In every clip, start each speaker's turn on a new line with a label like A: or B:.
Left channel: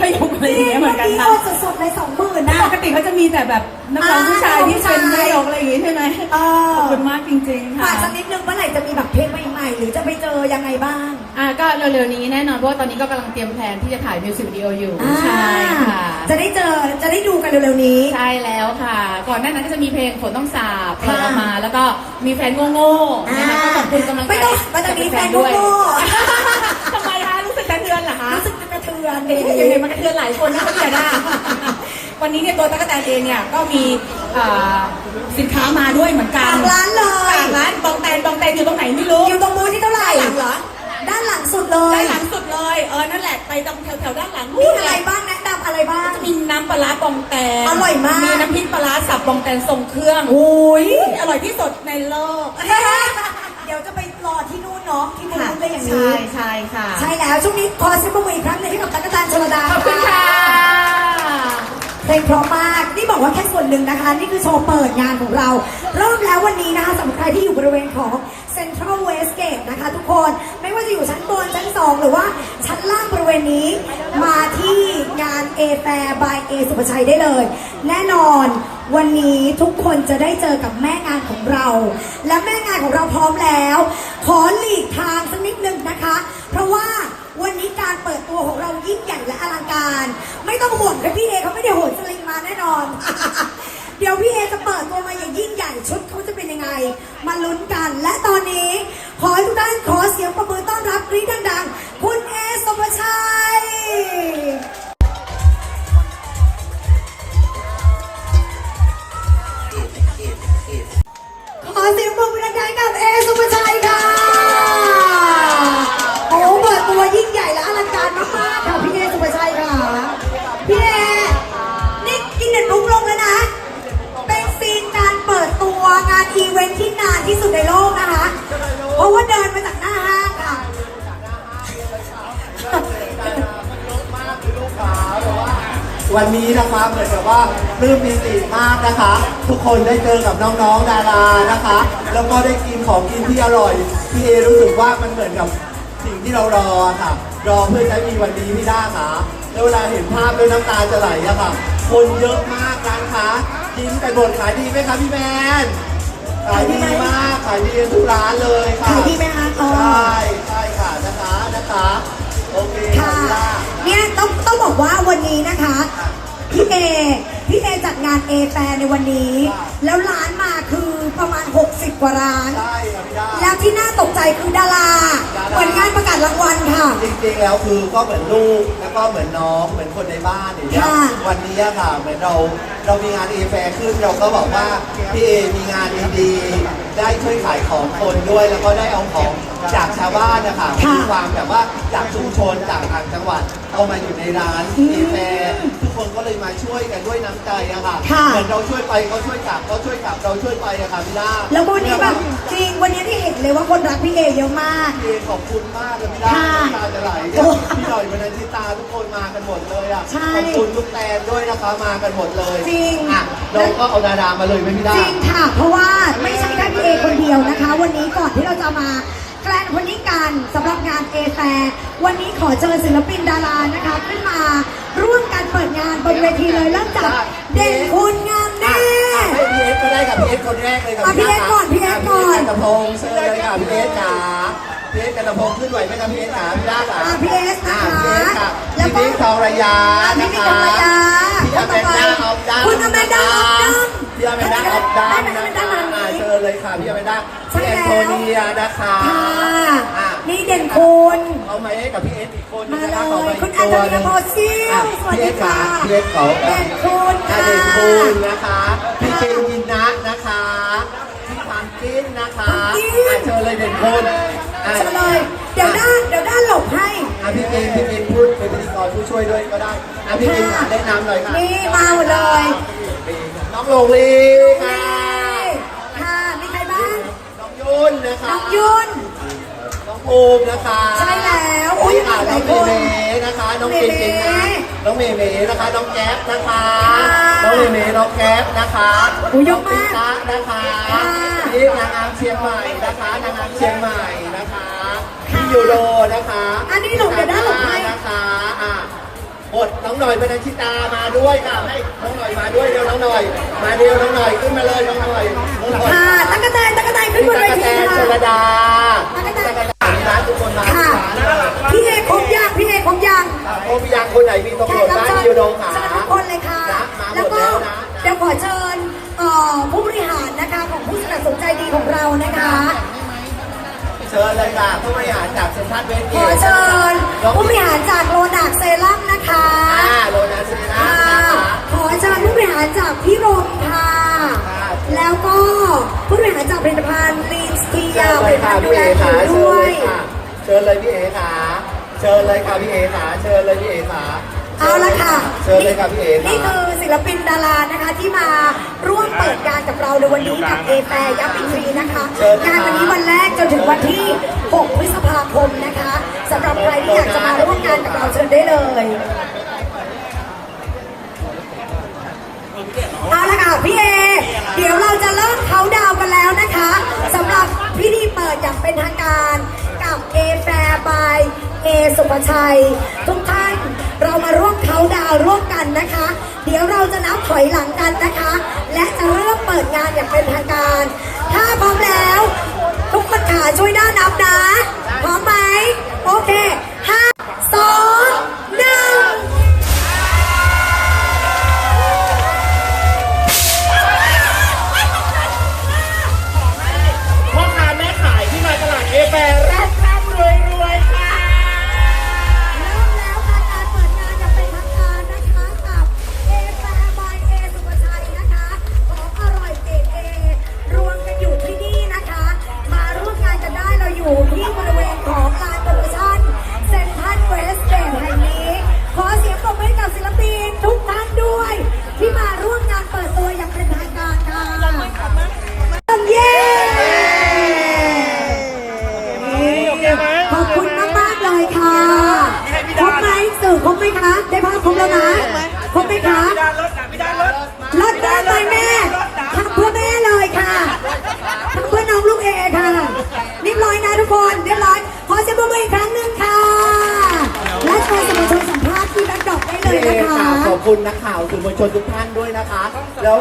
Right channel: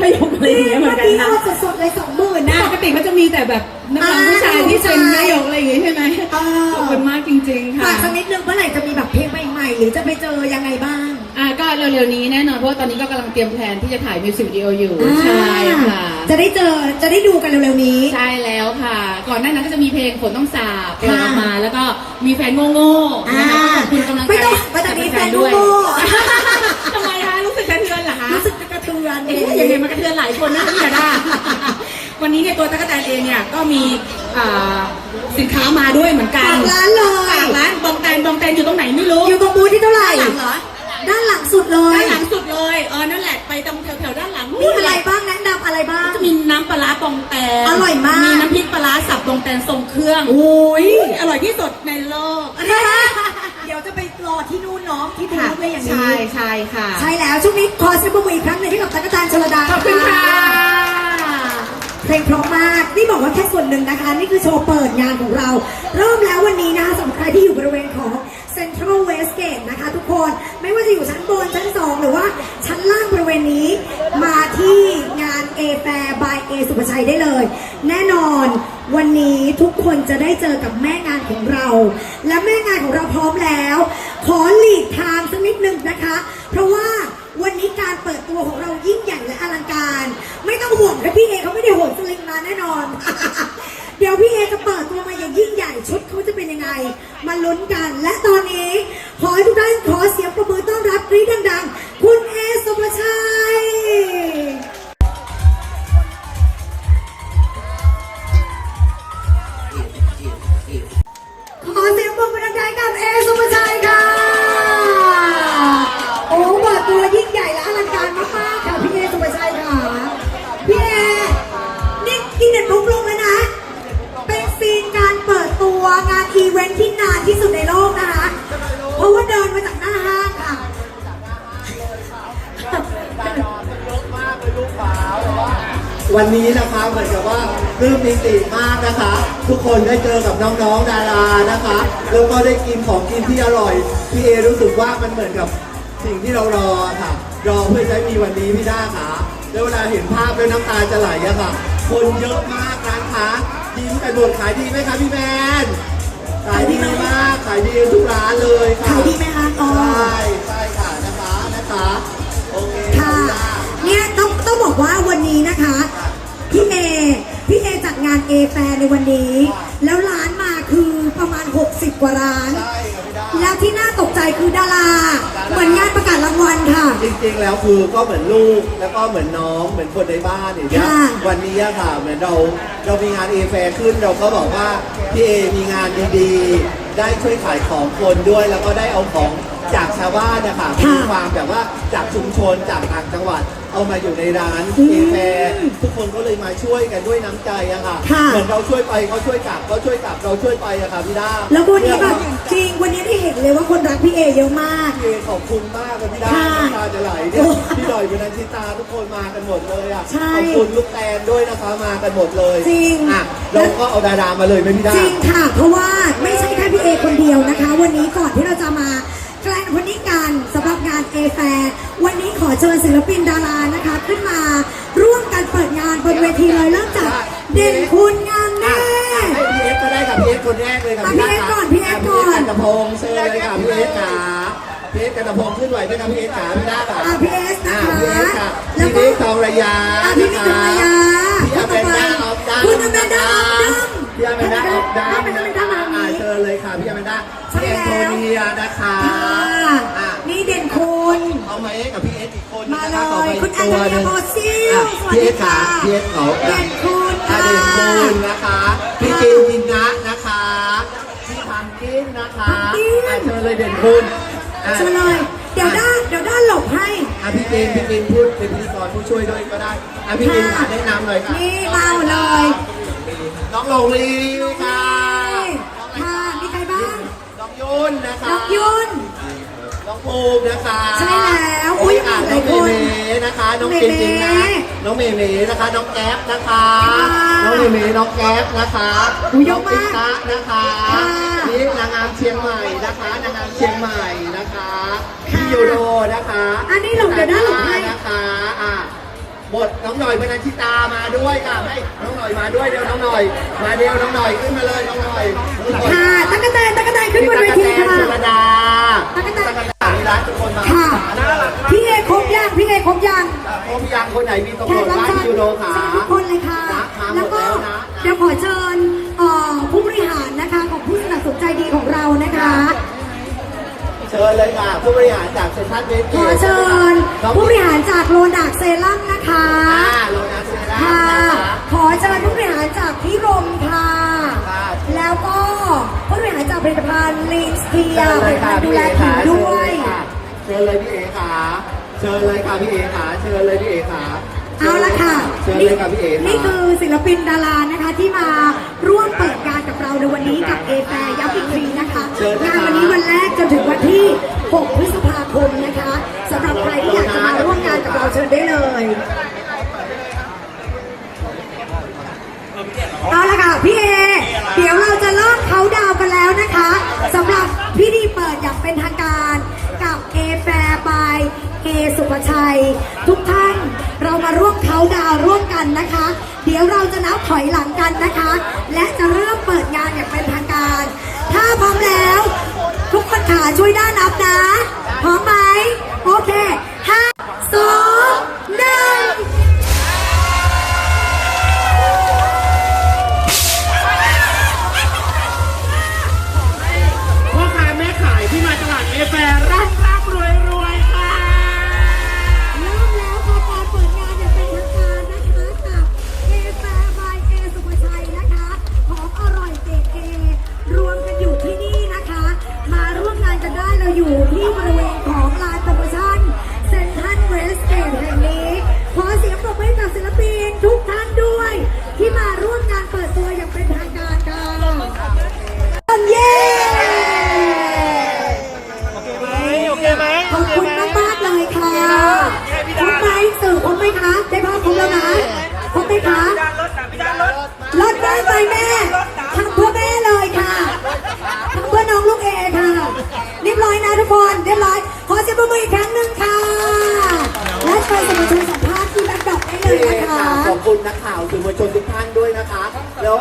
A: แม่ยก
B: แม่ยกอะไรอย่างเงี้ยเหมือนกัน
C: เมื่อกี้
B: นะ
C: เอาสดๆเลยสองหมื่นนะ
B: ปกติเขาจะมีแต่แบบนักร้องผู้ชายที่เป็นแม่ยกอะไรอย่างงี้ใช่ไหม
C: อ๋อ
B: ขอบคุณมากจริงๆ
C: ฝา
B: ค่ะ
C: กสักนิดนึงเมื่อไหร่จะมีแบบเพลงใหม่ๆ หรือจะไปเจอยังไงบ้าง
A: อ่าก็เร็วๆนี้แน่นอนเพราะว่าตอนนี้ก็กำลังเตรียมแผนที่จะถ่ายมิวสิกวิดีโออยู่
C: อ่า
A: ใช่ค่ะ
C: จะได้เจอจะได้ดูกันเร็วๆนี้
A: ใช่แล้วค่ะ ก่อนหน้านั้นก็จะมีเพลงฝนต้องสาบป
C: ค่ะ
A: ล่อยออกมา แล้วก็มีแฟนโง่ๆ
C: อ่า
A: นะคะขอบคุณกำลังใจ
C: ไม่ต้องมันจะมีแฟน
A: ด้วย
C: โง่
A: ท สึกกระเทือนเอ๊ะยังไงมันกระเทือนหลายคนนะเนี่ยนะวันนี้เนี่ยตัวตั๊กแตนเองเนี่ยก็มีอ่าสินค้ามาด้วยเหมือนกั
C: ฝานกร้านเลย
A: ฝากร้านบองแตนบองแตนอยู่ตรงไหนไม่รู้
C: อยู่ตรงบูธที่เท่าไหร่
A: ด้านหลังเหรอ
C: ด้านหลังสุดเลย
A: ด้านหลังสุดเลย เออ นั่นแหละ ไปตรงแถวๆด้านหลัง
C: มีอะไรบ้างแนะนำอะไรบ้าง
A: จะมีน้ำปลาร้าบองแตน
C: อร่อยมาก
A: มีน้ำพริกปลาร้าสับบองแตนทรงเครื่อง
C: โอ้ย
A: อร่อยที่สุดในโลก
C: เดี๋ยวจะไปร อที่นู่นเนาะที่บูธเลยอย่างนี้
A: ใช่ใช่ค่ะ
C: ใช่แล้วช่วงนี้ขอเสียงปรบมืออีกครั้งหนึ่งให้กับตั๊กแตนชลดา
A: ขอบคุณค่ะ
C: เพลงเพราะมากนี่บอกว่าแค่ส่วนหนึ่งนะคะ นี่คือโชว์เปิดงานของเรา เริ่มแล้ววันนี้นะคะสำหรับใครที่อยู่บริเวณของ Central Westgate นะคะทุกคนไม่ว่าจะอยู่ชั้นบนชั้นสองหรือว่าชั้นล่างบริเวณนี้มาที่งาน A Fair by A สุภชัยได้เลย แน่นอน วันนี้ทุกคนจะได้เจอกับแม่งานของเรา และแม่งานของเราพร้อมแล้ว ขอหลีกทางสักนิดนึงนะคะ เพราะว่าวันนี้การเปิดตัวของเรายิ่งใหญ่และอลังการ ไม่ต้องห่วงค่ะพี่เอเขาไม่ได้โหนสลิงมาแน่นอน เดี๋ยวพี่เอจะเปิดตัวมาอย่างยิ่งใหญ่ชุดเขาจะเป็นยังไง มาลุ้นกัน และตอนนี้ ขอให้ทุกท่านขอเสียงประมือต้อนรับกรี๊ดดังๆคุณเอสุภชัย วันนี้นะคะเห
D: มือนกับว่าเริ่มมีสีมากนะคะ ทุกคนได้เจอกับน้องๆดารานะคะ แล้วก็ได้กินของกินที่อร่อยพี่เอรู้สึกว่ามันเหมือนกับสิ่งที่เรารอค่ะ รอเพื่อจะมีวันนี้พี่ด้าค่ะแล้วเวลาเห็นภาพด้วยน้ำตาจะไหลอะค่ะ คนเยอะมากนะคะยิ้มกันหมดขายดีไหมคะพี่แมนขายดีมากขายดีทุกร้านเลยค่ะ
C: ขายดีไหมคะอ๋อ
D: ใช่ใช่ค่ะนะคะนะคะโอเค
C: บอกว่าวันนี้นะคะพี่เอพี่เอจัดงานเอแฟในวันนี้ แล้วร้านมาคือประมาณ 60 กว่าร้าน
D: ใช่ค่ะพี่ด้า
C: แล้วที่น่าตกใจคือดาราเหมือนงานประกาศรางวัลค่ะ
D: จริงๆแล้วคือก็เหมือนลูกแล้วก็เหมือนน้องเหมือนคนในบ้านอย่างเงี้ย
C: ค่ะ
D: วันนี้อะค่ะเหมือนเราเรามีงานเอแฟขึ้นเราก็บอกว่าพี่เอมีงานดีๆได้ช่วยขายของคนด้วย แล้วก็ได้เอาของจากชาวบ้านนะคะ
C: ค่ะ
D: มีความแบบว่าจากชุมชนจากต่างจังหวัดเอามาอยู่ในร้านเอแฟทุกคนก็เลยมาช่วยกันด้วยน้ำใจอะค่ะ
C: ค่ะ
D: เหมือนเราช่วยไปเขาช่วยกลับเขาช่วยกลับเราช่วยไปอะค่ะพี่ด้า
C: แล้ววันนี้แบบจริงวันนี้ที่เห็นเลยว่าคนรักพี่เอเยอะมาก
D: พี่เอขอบคุณมากเลยพี่ด้า
C: ค่ะ
D: น้ำตาจะไหลเนี่ยพี่ดอยพี่นันทิตาทุกคนมากันหมดเลยอะ
C: ใช่
D: ขอบคุณลูกแตนด้วยนะคะมากันหมดเลย
C: จริง
D: อะแล้วก็เอาดารามาเลยไหมพี่ด้า
C: จริงค่ะ เพราะว่าไม่ใช่แค่พี่เอคนเดียวนะคะ วันนี้ก่อนที่เราจะมาแกลนวันนี้กันสำหรับงานเอแฟวันนี้ขอเชิญศิลปินดารานะคะ ขึ้นมาร่วมกันเปิดงานบนเวทีเลยเริ่มจากเด่นคุณงามแน่
D: ให้พี่เอฟก็ได้กับพี่เอฟคนแรกเลยกับ
C: อะ
D: พี่ด้า
C: พี่เอฟก่อนพี่เอฟก่อน
D: พี่เอฟกระทงเชิญเลยค่ะพี่เอฟค่ะ เออสกันตะพงขึ้นไหวไหมครับพี่เอสขาพี่ด้าบ่า
C: อะพี่เอสนะคะ
D: พี่เอสค่ะ
C: แล้ว
D: พี่
C: ก็
D: นิกทองระยา
C: อะพี่นิกทองระยา
D: พี่อเมนดาออฟดัม
C: คุณอเมนดาออฟดัม
D: พี่อเมนดาออฟดัม
C: ได้ไหม
D: นะ
C: อเมนดา
D: คะ
C: มา
D: อ่าเชิญเลยค่ะพี่อเมนดา
C: ใช่
D: พี่แอนโทเนียนะคะ
C: นี่เด่นคุณ
D: เอาไหมกับพี่เอสอีกคน
C: มาเล
D: ย
C: คุณ
D: อี
C: แอกนโท
D: ตัว
C: เนียโบซิล
D: พี่เอสขาพี่เอสเขา
C: เด่นคุณค่ะ
D: เด่นคุณนะคะพี่จินยินนะนะคะพี่พันกินนะคะเชิญเลยเด่นคุณ อะ
C: เชิญเลย เดี๋ยวด้านเดี๋ยวด้านหลบให้
D: อะพี่เจนพี่เจนพูดเป็นพิธีกรผู้ช่วยด้วยก็ได้อะพี่เจน
C: ค่ะ
D: แนะนำหน่อยค่ะ
C: นี่เอาเลย
D: น้องโลลีค่ะ
C: ค่ะ มีใครบ้าง
D: น้องยุ่นนะคะ
C: น้องยุ่น
D: น้องภูมินะคะ
C: ใช่แล้วโอ้
D: โอ้
C: ย
D: ยอะ
C: ห
D: น้
C: ลา
D: อยง
C: ค
D: เม
C: น
D: เมนะคะ น้อง
C: เม
D: เจน
C: เม
D: จริงนะน้องเมเมนะคะ น้องแก๊ปนะคะ
C: ค่ะ
D: น้องเมเมน้องแก๊ปนะคะ
C: อุ๊ยเย
D: น้อ
C: อะ
D: ง
C: มาก
D: ติ๊กตะนะคะ
C: ค่ะ
D: นี่นางงามเชียงใหม่นะคะ นางงามเชียงใหม่นะคะพี่ ยูโรนะคะ
C: อันนี้หลบเดี๋ยวนะหลบให้
D: นะคะอะหมดน้องหน่อยบรรณชิตามาด้วยค่ะให้น้องหน่อยมาด้วยเดี๋ยวน้องหน่อย มาเดียวน้องหน่อยขึ้นมาเลยน้องหน่อยน้องหน่อย
C: ค่ะตั้งกระแตนตั้งกระแตนขึ้น
D: พี่
C: บน
D: ตา
C: เว
D: กะ
C: ที
D: แตน
C: ค่ะ
D: ชลดา
C: ตั๊กกะแตน
D: มีร้านทุกคนมา
C: ค่ะ
D: ร้านน่ารักมาก
C: พี่เอกคงยางพี่เอกคงยาง
D: อะโอ้พี่ยังคนไหนมีตำ
C: แข
D: รว
C: ก
D: จ
C: รับ
D: บ้าน
C: เชิญ
D: ยูโรค่ะ
C: เชิญทุกคนเลยค่ะ
D: นะมาหม
C: แล้ว
D: ด
C: ก็
D: แล้วนะ
C: เดี๋ยวขอเชิญเอ่อผู้บริหารนะคะของผู้สนับสนุนใจดีของเรานะคะ
D: เชิญเลยค่ะผู้บริหารจากเซ็นทรัลเวส
C: ขอเชิญผู้บริหารจากโรดักเซรั่มนะคะ
D: อ่าโรนัสเซรั่ม
C: ค่ะ
D: นะคะ
C: ขอเชิญผู้บริหารจากพี่รมค่ะ แล้วก็ผู้บริหารจากผลิตภัณฑ์ลิสเทีย
D: เชิญ
C: ผ
D: เล
C: ลิ
D: ย
C: ต
D: ค่ะ
C: ภัณฑ์ดู
D: พี่
C: แล
D: เอ
C: ผิ
D: ค่ะ
C: ว
D: เชิ
C: ด้
D: ญ
C: ว
D: เลยยค่ะเชิญเลยพี่เอค่ะเชิญเลยค่ะพี่เอค่ะเชิญเลยพี่เอค่ะ
C: เอาละค่ะ
D: เชิญเลยค่ะพี่เอค่ะ
C: นี่คือศิลปินดารานะคะที่มาร่วมเปิดงานกับเราในวันนี้กับเอแฟยัปปิทรีนะคะงานวันนี้วันแรกจนถึง วันที่ 6 พฤษภาคมนะคะสำหรับใครที่อยากจะมาร่วมงานกับเราเชิญได้เลยเอาละค่ะพี่เอ เดี๋ยวเราจะเริ่มเขาดาวกันแล้วนะคะสำหรับพิธีเปิดอย่างเป็นทางการกับเอแฟร์บายเอสุภชัย ทุกท่านเรามาร่วมเขาดาวร่วมกันนะคะ เดี๋ยวเราจะนับถอยหลังกันนะคะ และจะเริ่มเปิดงานอย่างเป็นทางการ ถ้าพร้อมแล้ว ค่ะช่วยด้านนับนะ
D: ค
C: รบไหมคะเลิศแม่ไปแม่ทำเพื่อแม่เลยค่ะทำเพื่อน้องลูกเอค่ะเรียบร้อยนะทุกคนเรียบร้อยขอเสียงปรบมืออีกครั้งหนึ่งค่ะและเชิญสมาชิกสัมภาษณ์ที่แบ็คดรอปได้เลยนะคะ
D: ขอบคุณนักข่าวสื่อมวลชนทุกท่านด้วยนะคะ แล้ว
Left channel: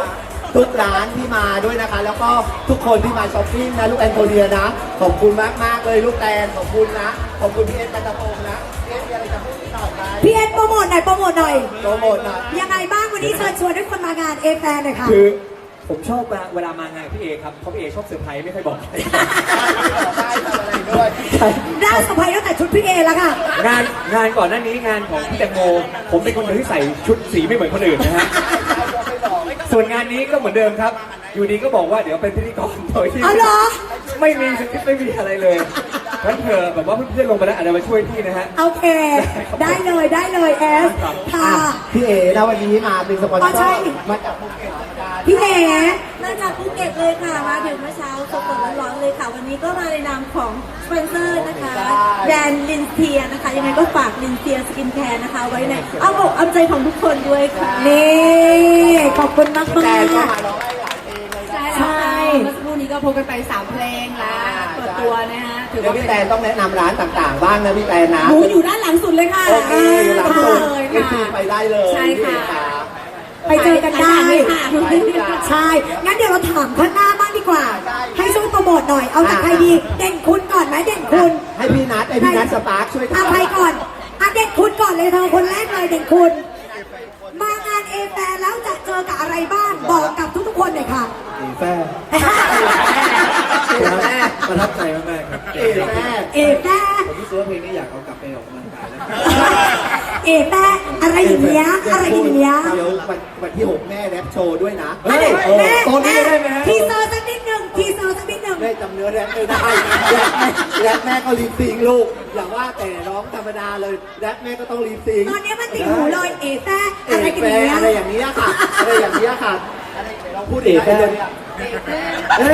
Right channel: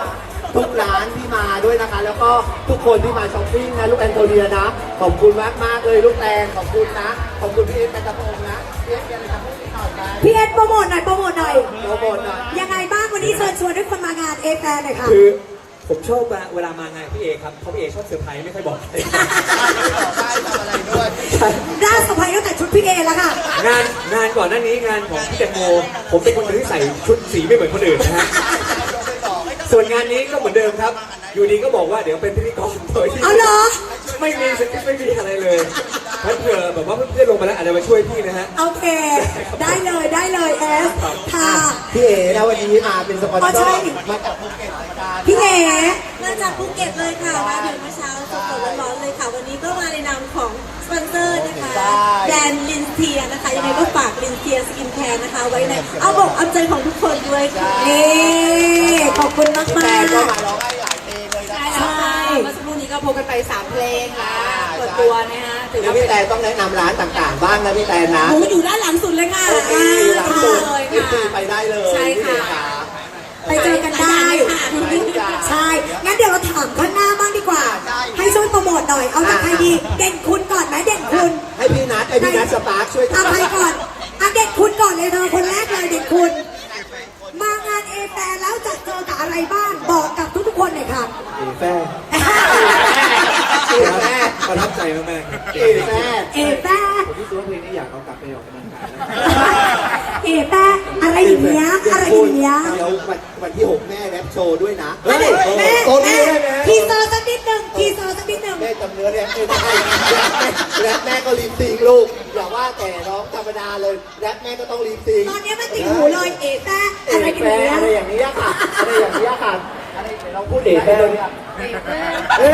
D: ทุกร้านที่มาด้วยนะคะ แล้วก็ทุกคนที่มาช้อปปิ้งนะลูกแตนโตเดียนะ ขอบคุณมากมากๆเลยลูกแตนขอบคุณนะ ขอบคุณพี่เอสปัตตะพงษ์นะพี่เอสมีอะไรจะพูดนิดหน่อยไหม
C: พี่เอ็ดโปรโมทหน่อยโปรโมทหน่อย
D: โปรโมทหน่อย
C: ยังไงบ้างวันนี้เชิญชวนให้คนมางานเอแฟนหน่อยค่ะ
E: คือผมชอบเวลาเวลามางานพี่เอครับเพราะพี่เอชอบเซอร์ไพรส์ไม่ค่อยบอก
D: ได้ทำอะไรด้วย
C: น่าสบายตั้งแต่ชุดพี่เอแล้วค่ะ
E: งานงานก่อนหน้านี้งานของพี่แตงโมผมเป็นคนหนึ่งที่ใส่ชุดสีไม่เหมือนคนอื่นนะฮะ ส่วนงานนี้ก็เหมือนเดิมครับ อยู่ดีก็บอกว่าเดี๋ยวเป็นพิธีกรโดยที่
C: เอาเหรอ
E: ไม่มีสคริปต์ไม่มีอะไรเลยงั้นเผื่อแบบว่าเพื่อนๆลงไปแล้วอาจจะมาช่วยพี่นะฮะ
C: โอเค ได้เลยได้เลยเอสค่ะ
D: พี่เอนะวันนี้มาเป็นสปอน
C: อ๋อ
D: เซ
C: ใช่
D: อร์มาจากภูเก็ตธรรมดา
C: พี่เอ
F: มาจากภูเก็ตเลยค่ะมาถึงเมื่อเช้าสดๆร้อนๆเลย ค่ะ วันนี้ก็มาในนามของสปอนเซอร์นะคะ แบรนด์ลินเทียนะคะ ยังไงก็ฝากลินเทียสกินแคร์นะคะ ไว้ในเอาอกเอาใจของทุกคนด้วยค่ะ
C: นี่ขอบคุณมาก
D: แต่
C: มาก
D: ก็มาร้องให้หลายเพลงเลยนะคะ
C: ใช่
B: เมื่อสักครู่นี้ก็โพสต์กันไปสามเพลงแล้วเปิดตัวนะฮะถือ
D: เดี๋ยว
B: ว่า
D: พี่
B: เป็น
D: แต่ต้องแนะนำร้านต่างๆบ้างนะพี่แต่นะ
C: หนูอยู่ด้านหลังสุดเลยค่ะ
D: โอเคอยู่หลังสุด
B: เลย
D: เอ
B: ค่ะ
D: ฟซีไปได้เลย
B: ใช่ค่ะ
C: ไปเจอกันได้ ใช่ งั้นเดี๋ยวเราถามข้างหน้าบ้างดีกว่า ให้ช่วยโปรโมทหน่อย เอาจากใครดี เด่นคุณก่อนไหมเด่นคุณ
D: ให้ให้พี่นัทให้พี่นัทสตาร์คช่วย
C: อาใครก่อนอาเด็กคุณก่อนเลยเธอคนแรกเลยเด็กคุณ มางานเอแฟนแล้วจะเจอกับอะไรบ้าง บอกกับทุกๆคนหน่อยค่ะ
E: อีแฟร์เสียแม่ประทับใจมากๆครับ
D: เอแม่
C: เอแฟน
E: ผมรู้สึกว่าเพลงนี้อยากเอากลับไปออกกำลังกายนะ
C: เอแฟน อะไรอย่างเงี้ยอะไรอย่างเงี้ย
D: เราวันวันที่หกแม่แรปโชว์ด้วยนะ
C: แม่แม่
D: โอ้
C: แม่
D: แม่แม่
C: ทีเซอร์สักนิดหนึ่งทีเซอร์สักนิดหนึ่ง
D: แม่จำเนื้อเนี่ยไม่ได้แรปแม่แรปแม่ก็รีบซิงลูก อย่าว่าแต่ร้องธรรมดาเลยแรปแม่ก็ต้องรีบซิง
C: ตอนนี้มันติดหูเลยเอแฟน
D: เอ
C: อะไร
D: ก
C: กัน
D: แฟ
C: เนี้ย
D: อะไรอย่างนี้ยค่ะอะไรอย่างนี้ยค่ะอะไรไหนลองพูดเอกแฟเนี่ยเอ้ย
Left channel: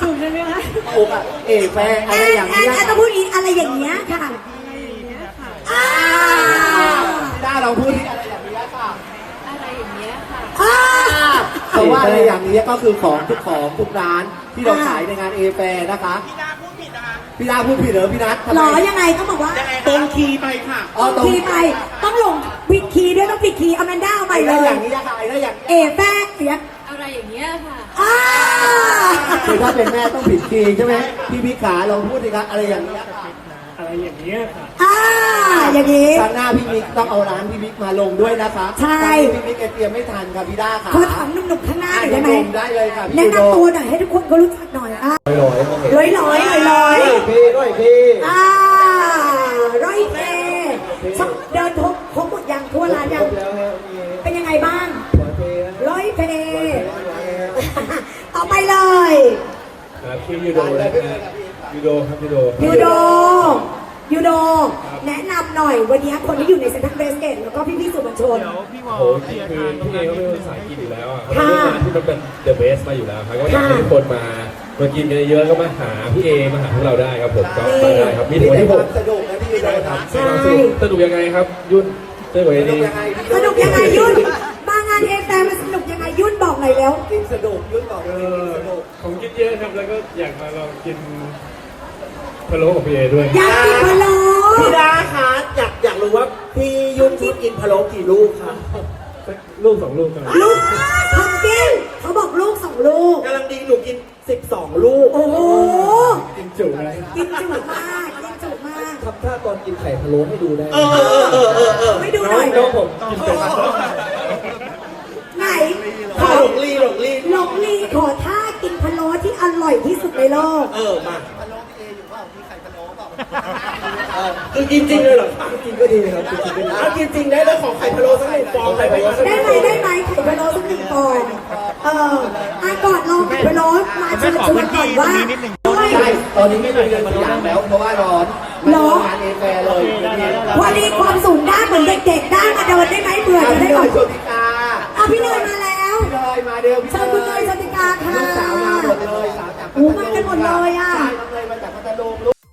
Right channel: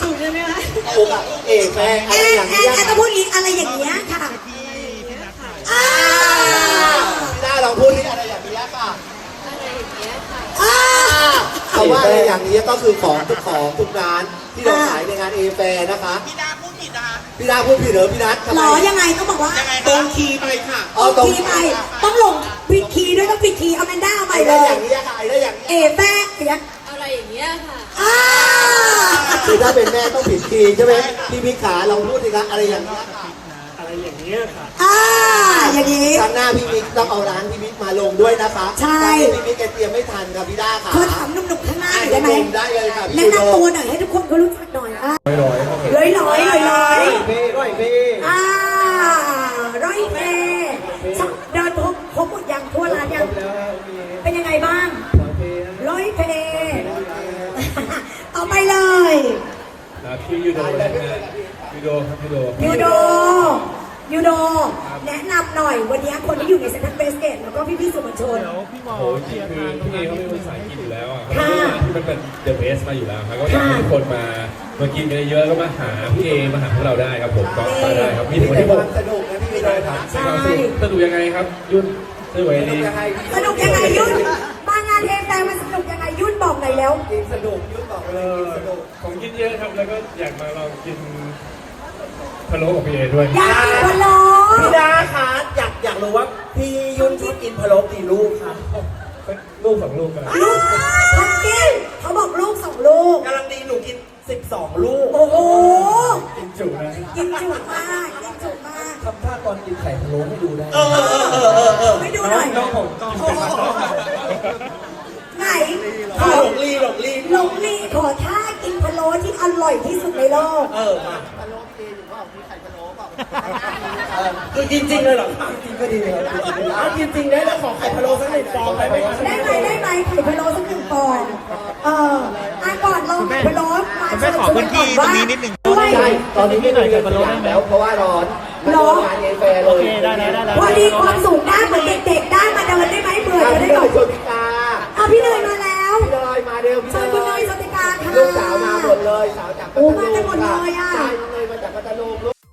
C: ถูกใช่ไหมคะ
D: ถูกอะเอกแฟอะ
C: เอ
D: ไร
C: อ
D: อย่าง
C: เอ
D: นี้
C: อเออต้องพูดอีกอะไรอย่างเงี้ยค่ะอ่า
D: พี่ด้าลอง พูดที่อะไรอย่างนี้ยค่ะ
C: อ่า
D: คำว่าอะไรอย่างนี้ก็คือของทุกของทุกร้านที่เราขายในงานเอแฟนะคะพี่ด้าพูดผิดเหรอพี่นัททำ
C: หร
D: ไม
C: อยังไงต้องบอกว่า
D: ตรงคีย์ไปค่ะอ๋อตรง
C: คีย์ไปต้องลงปิดคีย์ด้วยต้องปิดคีย์เอาแมนด้าเอาไป
D: ไอ้
C: เล
D: ได้
C: ย
D: อย่างนี้ยค่ะไอ้ได้อย่าง
C: เอ
D: นี้ย
C: แฟนเสีย
F: อะไรอย่างเงี้ยค่ะ
C: อ่า
D: คือถ้าเป็นแม่ต้องผิดคีย์ใช่ไหมพี่พิขาลองพูดสิคะอะไรอย่างนี้ ยค่ะ
C: อ่าอย่างนี้
D: ครั้งหน้าพี่มิกต้องเอาร้านพี่มิกมาลงด้วยนะคะ
C: ใช่
D: ตอนนี้พี่มิกแกเตรียมไม่ทันค่ะพี่ด้าค่ะ
C: ขอถามหนุ่มๆข้างหน้าหน่อยได้ไหม
D: ลงได้เลยค่ะพี่
C: แนะ
D: ยูโร
C: นำตัวหน่อยให้ทุกคนเขารู้จักหน่อยอะร้อยร้อยร้อยร้อย
D: พี่ด้วยพี่
C: อ่าร้อยเพเดินพบพบหมดยังทั่วร้านยังเป็นยังไงบ้าง ร้อยเพเอาไปเลย
G: ครับชื่อยูโดนะฮะยูโดครับยูโด
C: ยูโดยูโดแนะนำ หน่อย วันนี้คนที่อยู่ในเซ็นทรัลเบสเกตแล้วก็พี่ๆสื่อมวลชน
G: โอ้จริงคือพี่เอเขาเป็นสายกินอยู่แล้วอะเขาเป็นร้านที่มันเป็นเดอะเบสมาอยู่แล้วครับก็อยากให้ทุกคนมามากินกันเยอะๆก็มาหาพี่เอมาหาพวกเราได้ครับผมก็มาได้ครับมีถึงวันที่หก
D: สนุกนะพี่ยูโร
G: ได้ครับเป็นความสนุกสนุกยังไงครับ ยุ่นช่วยไว้ดี
C: สนุกยังไงยุ่นมางานเอฟแฟมันสนุกยังไงยุ่นบอกหน่อยเร็ว
D: จริงสนุกยุ่งบอกเล
G: เอยอ
D: สนุก
G: ของกินเยอะครับแล้วก็อยากมาลองกินพะโล้กับพี่เอด้วย
C: อยากกินพะโล้
D: พี่ดาคะอยากอยากรู้ว่าพี่ยุ่นชอบกินพะโล้กี่ลูกคะ
G: ลูกสองลูกกัน
C: ลูกพันกินเขาบอกลูกสองลูก
D: กำลังดีหนูกิน 12 ลูก
C: โอ้โห
G: กินจุนะ
C: กินจุมากกินจุมาก
D: ทำท่าตอนกินไข่พะโล้ให้ดูได้เอ จริงได้แล้วขอไข่พะโล้สักหนึ่งฟองได้ไหมคะ
C: ได้ไหมได้ไหมไข่พะโล้สักหนึ่งฟองเอออะก่อนลองไข่พะโล้มา
H: คุณแม่ขอพื้นที่ตรงนี้นิดหนึ่ง
C: ด้วย
D: ใช่ตอนนี้ไม่ได้เรียนตัวอย่างแล้ว เพราะว่าร้อนมันร้อนงานเอแฟเลย
C: พอดีความสูงด้านเหมือนเด็กๆด้านมาเดินได้ไหมเผื่อ
D: เอา
C: จะได้
D: ที่ห
C: ก่
D: น่
C: อ
D: อนยชนพิกา